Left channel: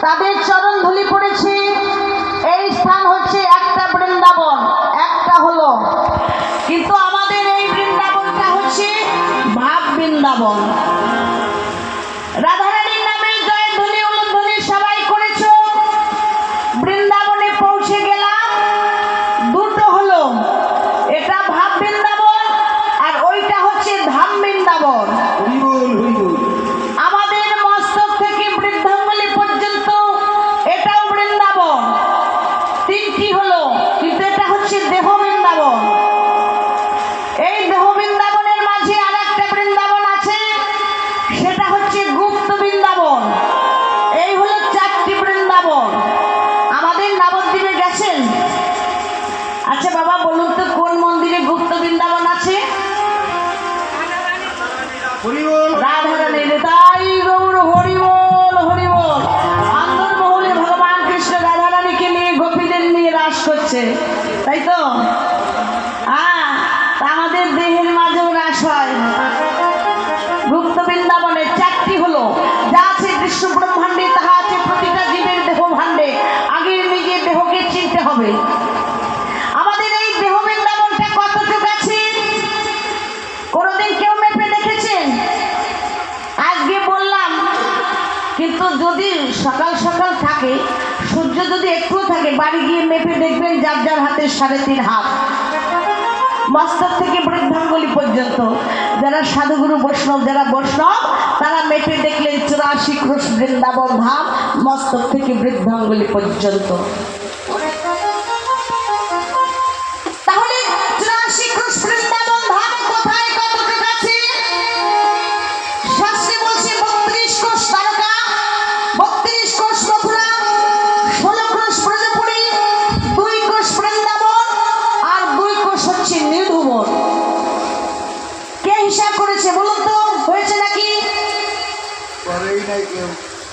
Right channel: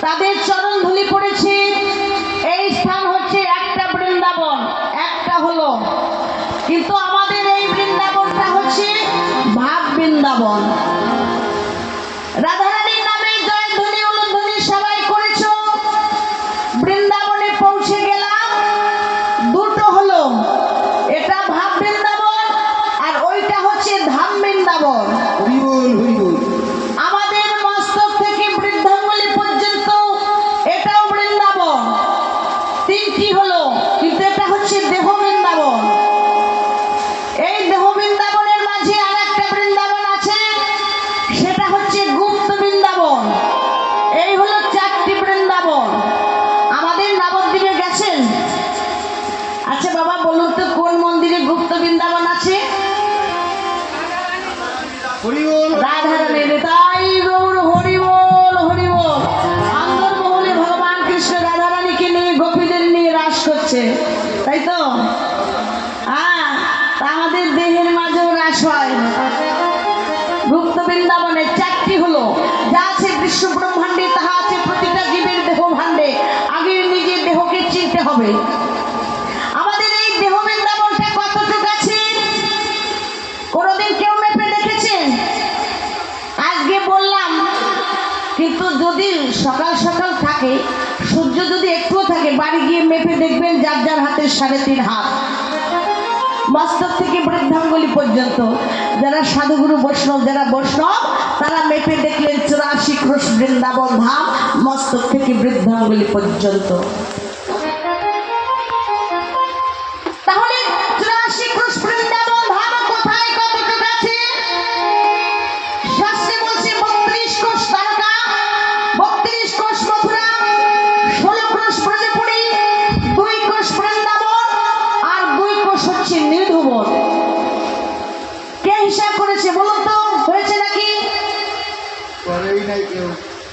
তাদের চরণ ধুলি পড়েছে। এই স্থান হচ্ছে একটা বৃন্দাবন, একটা হলো। কিন্তু আমাদের এই বৃন্দাবনটা হচ্ছে ভাব বৃন্দাবন। রাধারানীর সবাই করেছ। বৃন্দাবনে পৌঁছে গেলাম। দুটো হলো, এটা ভাব বৃন্দাবন আর ওইটা হচ্ছে ধাম বৃন্দাবন। তিনটি হলো করছে তাই তো? হ্যাঁ আমাদের দেহের মাঝেও হ্রাস হয়। গুপ্ত বৃন্দাবনের চারটি হলো, যা আছে বিশ্ব ব্রহ্মাণ্ডে, তাহা আছে প্রতিটা জীবের দেহ ভাণ্ডে আগে নিজের দেহকে চিনতে হবে। সূর্য যদি একটুও থাকে, বাড়ি গিয়ে মেপে দেখবেন যার যার হাতে সাড়ে তিন হাত। মস্তক থেকে বৃদ্ধাঙ্গুলি পর্যন্ত, যারা সাধুগুরু বৈষ্ণব, যারা বৈষ্ণব, তারা মেপে দেখলেন চুরাশি ক্রোশ বৃন্দাবন ধাম মস্তক থেকে বৃদ্ধাঙ্গুলি পর্যন্ত।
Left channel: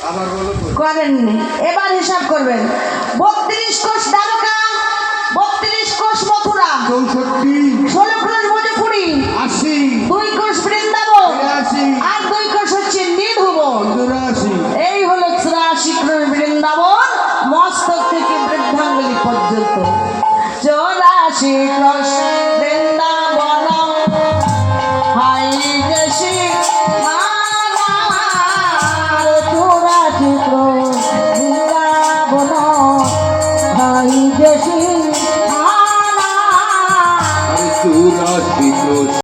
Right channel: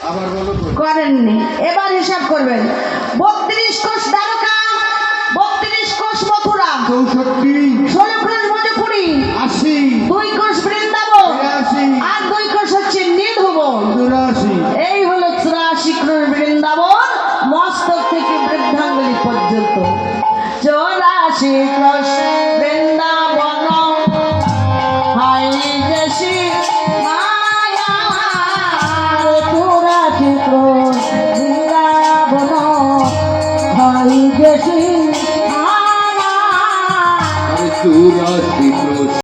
আবার বলো করেননি। এবার হিসাব করবেন। বত্রিশ কোষ দ্বারকা বত্রিশ কোষ মথুরা চৌষট্টি ষোলো কোষ ব্রজপুরী আশি দুই কোষ বৃন্দাবন আর দুই কোষ হচ্ছে চুরাশি। এই হলো চুরাশি ক্রোশ বৃন্দাবন মস্তক থেকে বৃদ্ধাঙ্গুলি পর্যন্ত। চৌরাশি ক্রোশ আমি তো রাত্রি